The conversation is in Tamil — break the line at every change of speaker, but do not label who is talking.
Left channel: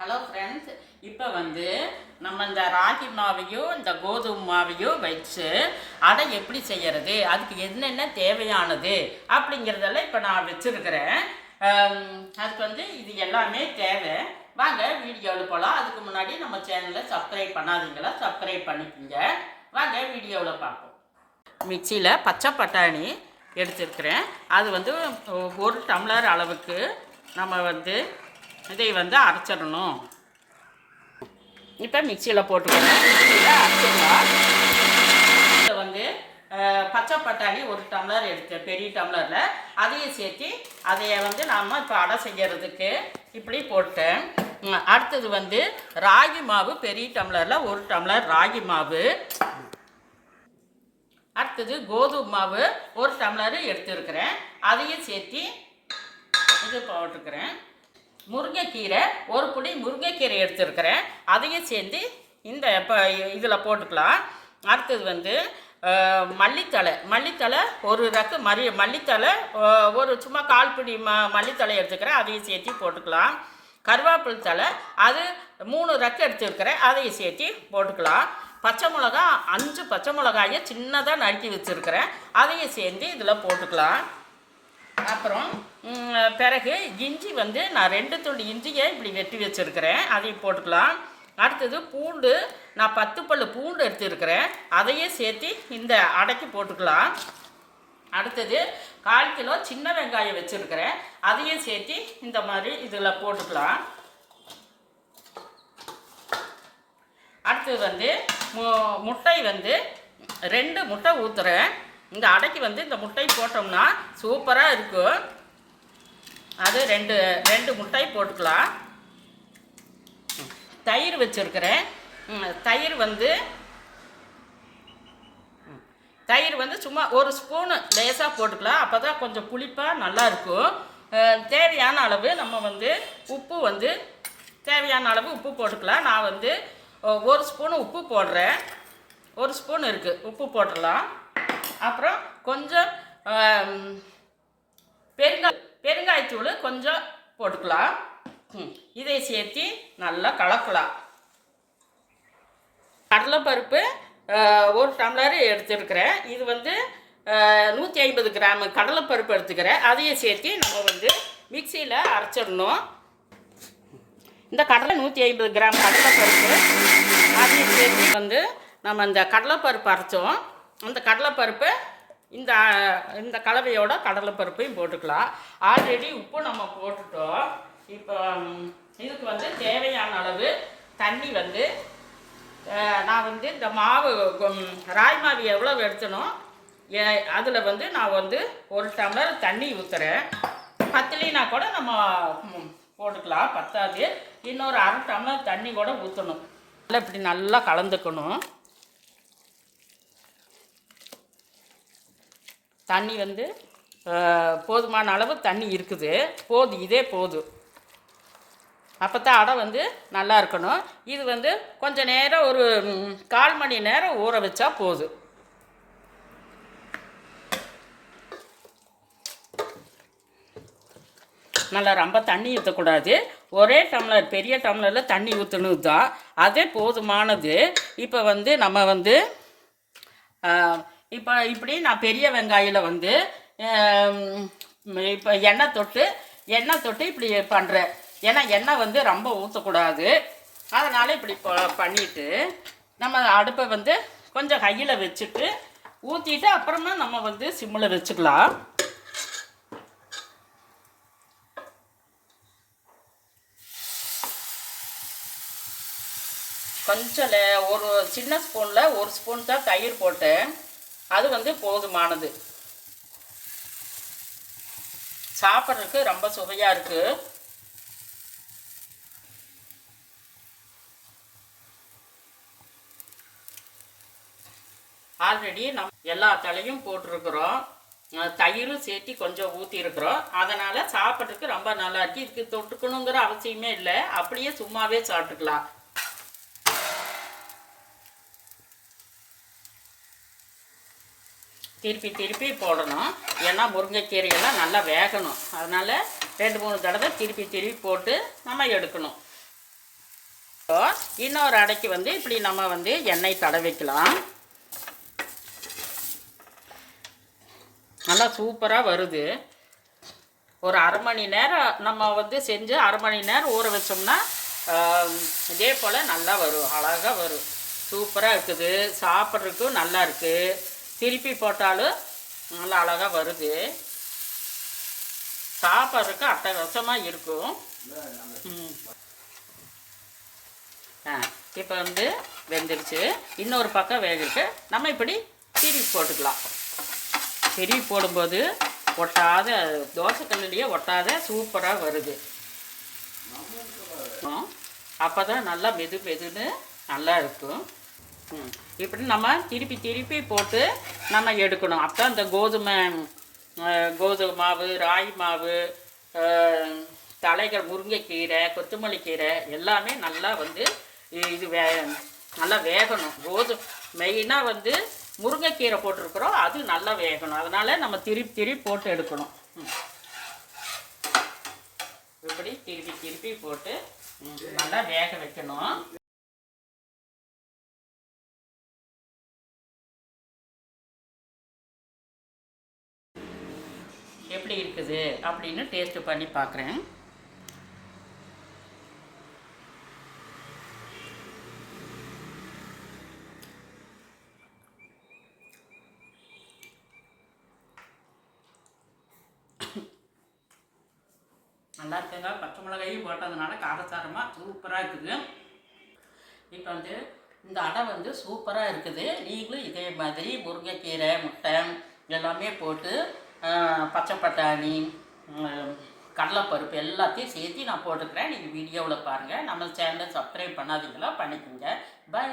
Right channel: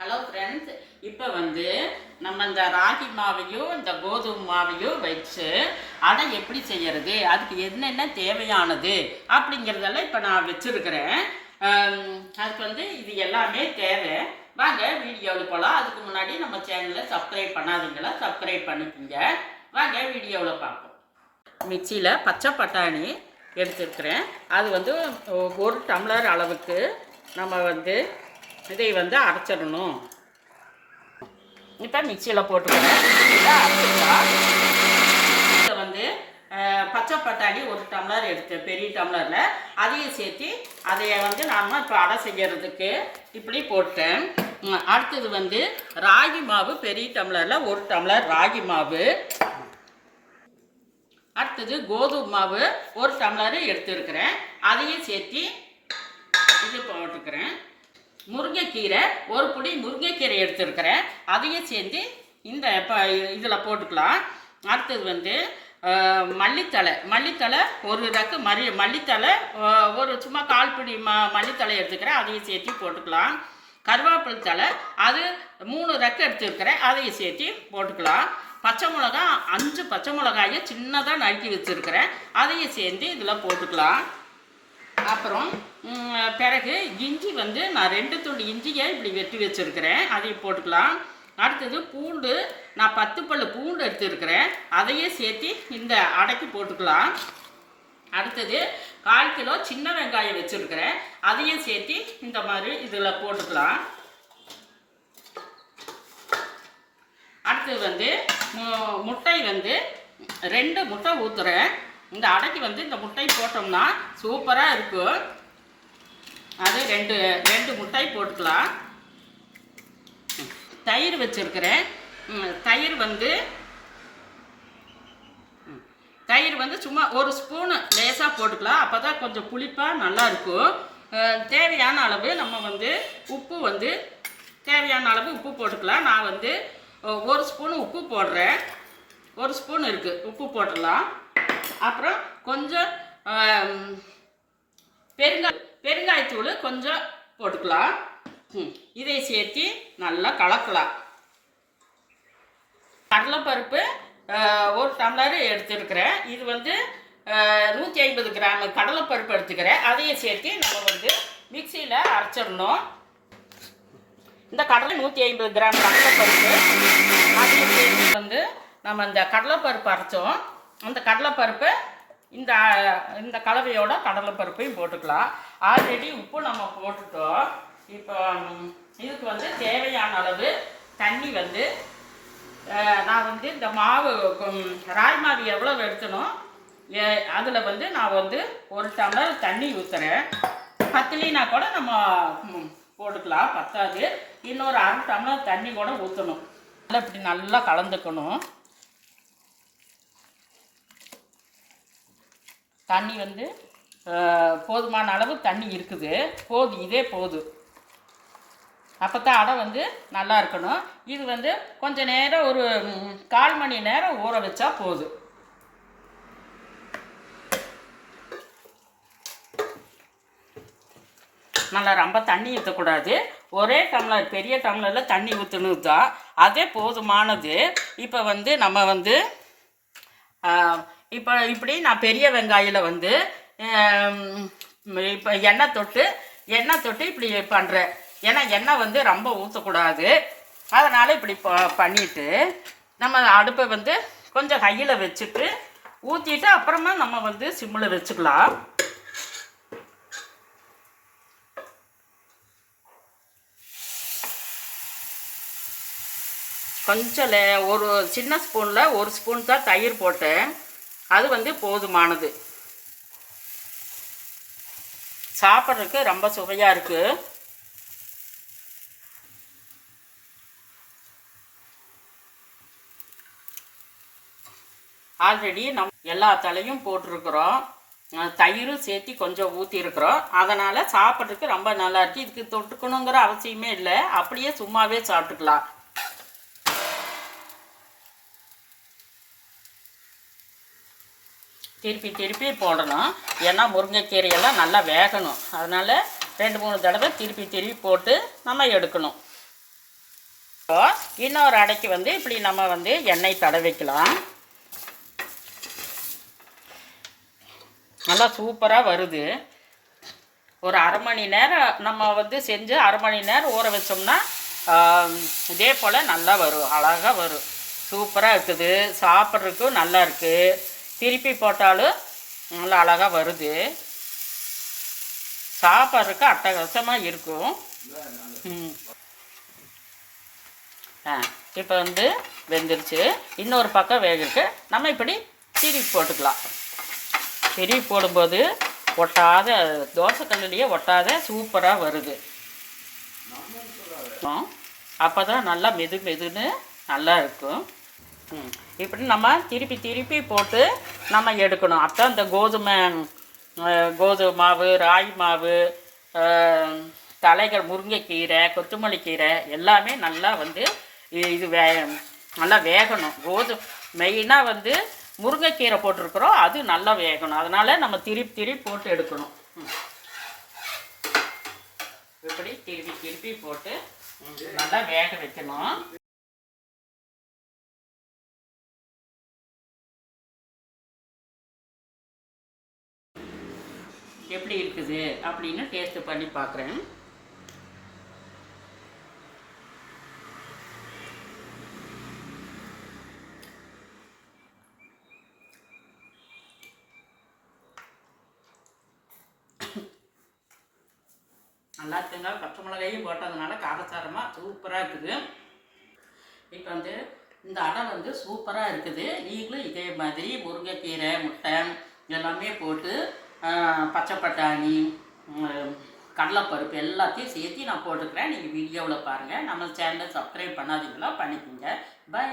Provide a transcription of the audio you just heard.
ஹலோ ஃப்ரெண்ட்ஸ் இப்போ வந்து நம்ம இந்த ராகி மாவையும் இந்த கோதுமை மாவையும் வச்சு அதை எப்படி செய்கிறது அதுக்கு என்னென்ன தேவையானது? அப்படிங்கிறதெல்லாம் இப்போ நான் வச்சுருக்கிறேன். அதுக்கு வந்து இது எல்லாமே தேவை. வாங்க வீடியோவில் போகலாம் அதுக்கு முன்னாடி நம்ம சேனலை சப்ஸ்கிரைப் பண்ணாதீங்களா? சப்ஸ்கிரைப் பண்ணிக்கோங்க. வாங்க வீடியோவில் பார்ப்போம். மிக்சியில் பச்சை பட்டாணி எடுத்துருக்கிறேன். அது வந்து ஒரு டம்ளர் அளவுக்கு நம்ம வந்து இதை வந்து அரைச்சிடணும். இப்போ மிக்சியில் போட்டுக்கிறேன் மிக்சியில் அரைச்சிக்கலாம். இதை வந்து பச்சை பட்டாணி ஒரு டம்ளர் எடுத்து பெரிய டம்ளரில். அதையும் சேர்த்து அதை வந்து நாம் இப்போ அடை செய்யறதுக்கு இப்படி போட்டேன் அடுத்தது வந்து ராகி மாவு பெரிய டம்ளரில் ஒரு டம்ளர் ராகி மாவு. அடுத்தது கோதுமை மாவு ஒரு டம்ளர் எடுத்துருக்கிறேன். அதையும் சேர்த்து இது போட்டுக்கிறேன். முருங்கைக்கீரை ஒரு புடி முருங்கைக்கீரை எடுத்துருக்கிறேன். அதையும் சேர்த்து இந்த இப்போ இதில் போட்டுக்கலாம். அடுத்தது வந்து மல்லித்தலை மல்லித்தழை. மல்லித்தழை ஒரு ரக்கு மல்லி மல்லித்தழை ஒரு சும்மா கால் பிடி ம மல்லித்தழை எடுத்துக்கிறேன். அதையும் சேர்த்து போட்டுக்கலாம். கருவேப்பிலை தழை அது மூணு ரெக்கு எடுத்துருக்கிறேன். அதையும் சேர்த்து போட்டுக்கலாம். பச்சை மிளகா அஞ்சு பச்சை மிளகாயை சின்னதாக நறுக்கி வச்சுருக்கிறேன். அதையும் சேர்ந்து இதில் போட்டுக்கலாம். அப்புறம் பிறகு இஞ்சி வந்து நான் ரெண்டு துண்டு இஞ்சியை இப்படி வெட்டி வச்சுருக்கிறேன். அதையும் போட்டுக்கலாம். அடுத்தது பூண்டு நான் பத்து பல்லு பூண்டு எடுத்துருக்கிறேன். அதையும் சேர்த்து இந்த அடைக்கு போட்டுக்கலாம். அடுத்தது கால் கிலோ சின்ன வெங்காயம் வச்சுருக்கிறேன். அதையும் சேர்த்து இந்த மாதிரி இதில் போட்டுக்கலாம். அடுத்தது வந்து மு- முட்டை வந்து ரெண்டு முட்டை ஊற்றுறேன் இந்த அடைக்கு வந்து இந்த முட்டை போட்டோம்னா சூப்பராக இருக்கும் அது ரெண்டு ரெண்டு முட்டை போட்டுக்கலாம். தயிர் வச்சுருக்கிறேன். தயிர் வந்து தயிர் வந்து சும்மா ஒரு ஸ்பூனு லேசாக போட்டுக்கலாம். அப்போ தான் கொஞ்சம் புளிப்பாக நல்லாயிருக்கும் தேவையான அளவு நம்ம வந்து உப்பு வந்து தேவையான அளவு உப்பு போட்டுக்கலாம். நான் வந்து ஒரு ஸ்பூன் உப்பு போடுறேன். ஒரு ஸ்பூன் இருக்குது உப்பு போட்டுடலாம். அப்புறம் கொஞ்சம் பெருங்காய் பெருங்காயத்தூள் கொஞ்சம் போட்டுக்கலாம். இதை சேர்த்து நல்லா கலக்கலாம். கடலைப்பருப்பு ஒரு டம்ளர் எடுத்துருக்கிறேன். இது வந்து நூற்றி ஐம்பது கிராம் கடலைப்பருப்பு எடுத்துக்கிறேன். அதையும் சேர்த்து நம்ம வந்து மிக்சியில் அரைச்சிடணும். இந்த கடலை நூற்றி ஐம்பது கிராம் கடலைப்பருப்பு அதையும் சேர்த்து வந்து நம்ம இந்த கடலைப்பருப்பு அரைச்சோம். அந்த கடலைப்பருப்பை இந்த இந்த கலவையோட கடலைப்பருப்பையும் போட்டுக்கலாம். ஆல்ரெடி உப்பு நம்ம போட்டுட்டோம். இப்போ இதுக்கு வந்து தேவையான அளவு தண்ணி வந்து நான் வந்து இந்த மாவு ராய் மாவு எவ்வளோ எடுத்தனோ அதில் வந்து நான் வந்து ஒரு டம்ளர் தண்ணி ஊற்றுறேன் பத்துலினா கூட நம்ம போட்டுக்கலாம் பத்தாது. இன்னொரு அரை டம்ளர் தண்ணி கூட ஊற்றணும் நல்லா இப்படி நல்லா கலந்துக்கணும். தண்ணி வந்து போதுமான அளவு தண்ணி இருக்குது. போது இதே போதும் அப்போ தான் அடை வந்து நல்லா இருக்கணும். இது வந்து கொஞ்சம் நேரம் ஒரு கால் மணி நேரம் ஊற வச்சா போதும் நல்லா ரொம்ப தண்ணி ஊற்றக்கூடாது ஒரே டம்ளர் பெரிய டம்ளரில் தண்ணி ஊற்றணும் தான் அதே போதுமானது. இப்போ வந்து நம்ம வந்து இப்போ இப்படி நான் பெரிய வெங்காயில் வந்து இப்போ எண்ணெய் தொட்டு எண்ணெய் தொட்டு இப்படி பண்ணுறேன் ஏன்னா எண்ணெய் வந்து ரொம்ப ஊற்றக்கூடாது அதனால் இப்படி ப- நம்ம அடுப்பை வந்து கொஞ்சம் கையில் வச்சுட்டு ஊற்றிட்டு அப்புறமா நம்ம வந்து சிம்மில் வச்சுக்கலாம். கொஞ்சம் லே- ஒரு சின்ன ஸ்பூனில் ஒரு ஸ்பூன் தான் தயிர் போட்டேன். அது வந்து போதுமானது. சாப்பிட்றதுக்கு ரொம்ப சுவையாக இருக்குது ஆல்ரெடி நம் எல்லா தலையும் போட்டிருக்கிறோம். தயிரும் சேர்த்து கொஞ்சம் ஊற்றிருக்கிறோம் அதனால் சாப்பிட்றதுக்கு ரொம்ப நல்லா இருக்குது இதுக்கு தொட்டுக்கணுங்கிற அவசியமே இல்லை. அப்படியே சும்மாவே சாப்பிட்டுக்கலாம். திருப்பி திருப்பி போடணும். ஏன்னா முருங்கைக்கீரையெல்லாம் நல்லா வேகணும். அதனால் ரெண்டு மூணு தடவை திருப்பி திருப்பி போட்டு நம்ம எடுக்கணும். இப்போ இன்னொரு அடைக்கு வந்து இப்படி நம்ம வந்து எண்ணெய் தடவிக்கலாம். நல்லா சூப்பராக வருது. ஒரு அரை மணி நேரம் நம்ம வந்து செஞ்சு அரை மணி நேரம் ஊற வச்சோம்னா இதே போல் நல்லா வரும். அழகாக வரும். சூப்பராக இருக்குது. சாப்பிட்றதுக்கும் நல்லா இருக்குது திருப்பி போட்டாலும் நல்லா அழகாக வருது. சாப்பிட்றதுக்கு அட்டகாசமாக இருக்கும். ஆ இப்போ வந்து வெந்துருச்சு. இன்னொரு பக்கம் வேகிருக்கு. நம்ம இப்படி திருப்பி போட்டுக்கலாம். திருப்பி போடும்போது ஒட்டாத தோசைக்கல்லையே ஒட்டாத சூப்பராக வருது. அப்போ தான் நல்லா மெது மெதுன்னு நல்லா இருக்கும். இப்படி நம்ம திருப்பி திருப்பி போட்டு நம்ம எடுக்கணும். அப்போ இந்த கோதுமை கோதுமை மாவு ராகி மாவு தலைகள் முருங்கைக்கீரை கொத்தமல்லி கீரை எல்லாமே நல்லா வந்து இது வே நல்லா வேகணும். கோது மெயினாக வந்து முருங்கைக்கீரை போட்டிருக்கிறோம். அது நல்லா வேகணும். அதனால் நம்ம திருப்பி திருப்பி போட்டு எடுக்கணும். இப்படி திருப்பி திருப்பி போட்டு நல்லா வேக வைக்கணும். எப்படி இருக்குது அப்படின்னு டேஸ்ட் பண்ணி பார்க்குறேன். நல்லா இருக்குங்க. பச்சை மிளகாயும் போட்டதுனால காரசாரமாக சூப்பராக இருக்குது. இப்போ வந்து இந்த அடை வந்து சூப்பராக இருக்குது. நீங்களும் இதே மாதிரி முருங்கைக்கீரை முட்டை எல்லாமே போட்டு பச்சை பட்டாணி கடலைப்பருப்பு எல்லாத்தையும் சேர்த்து நான் போட்டுக்கிறேன். நீங்கள் வீடியோவில் பாருங்கள் நம்ம சேனலை சப்ஸ்கிரைப் பண்ணாதீங்களா? பண்ணிக்கோங்க. பை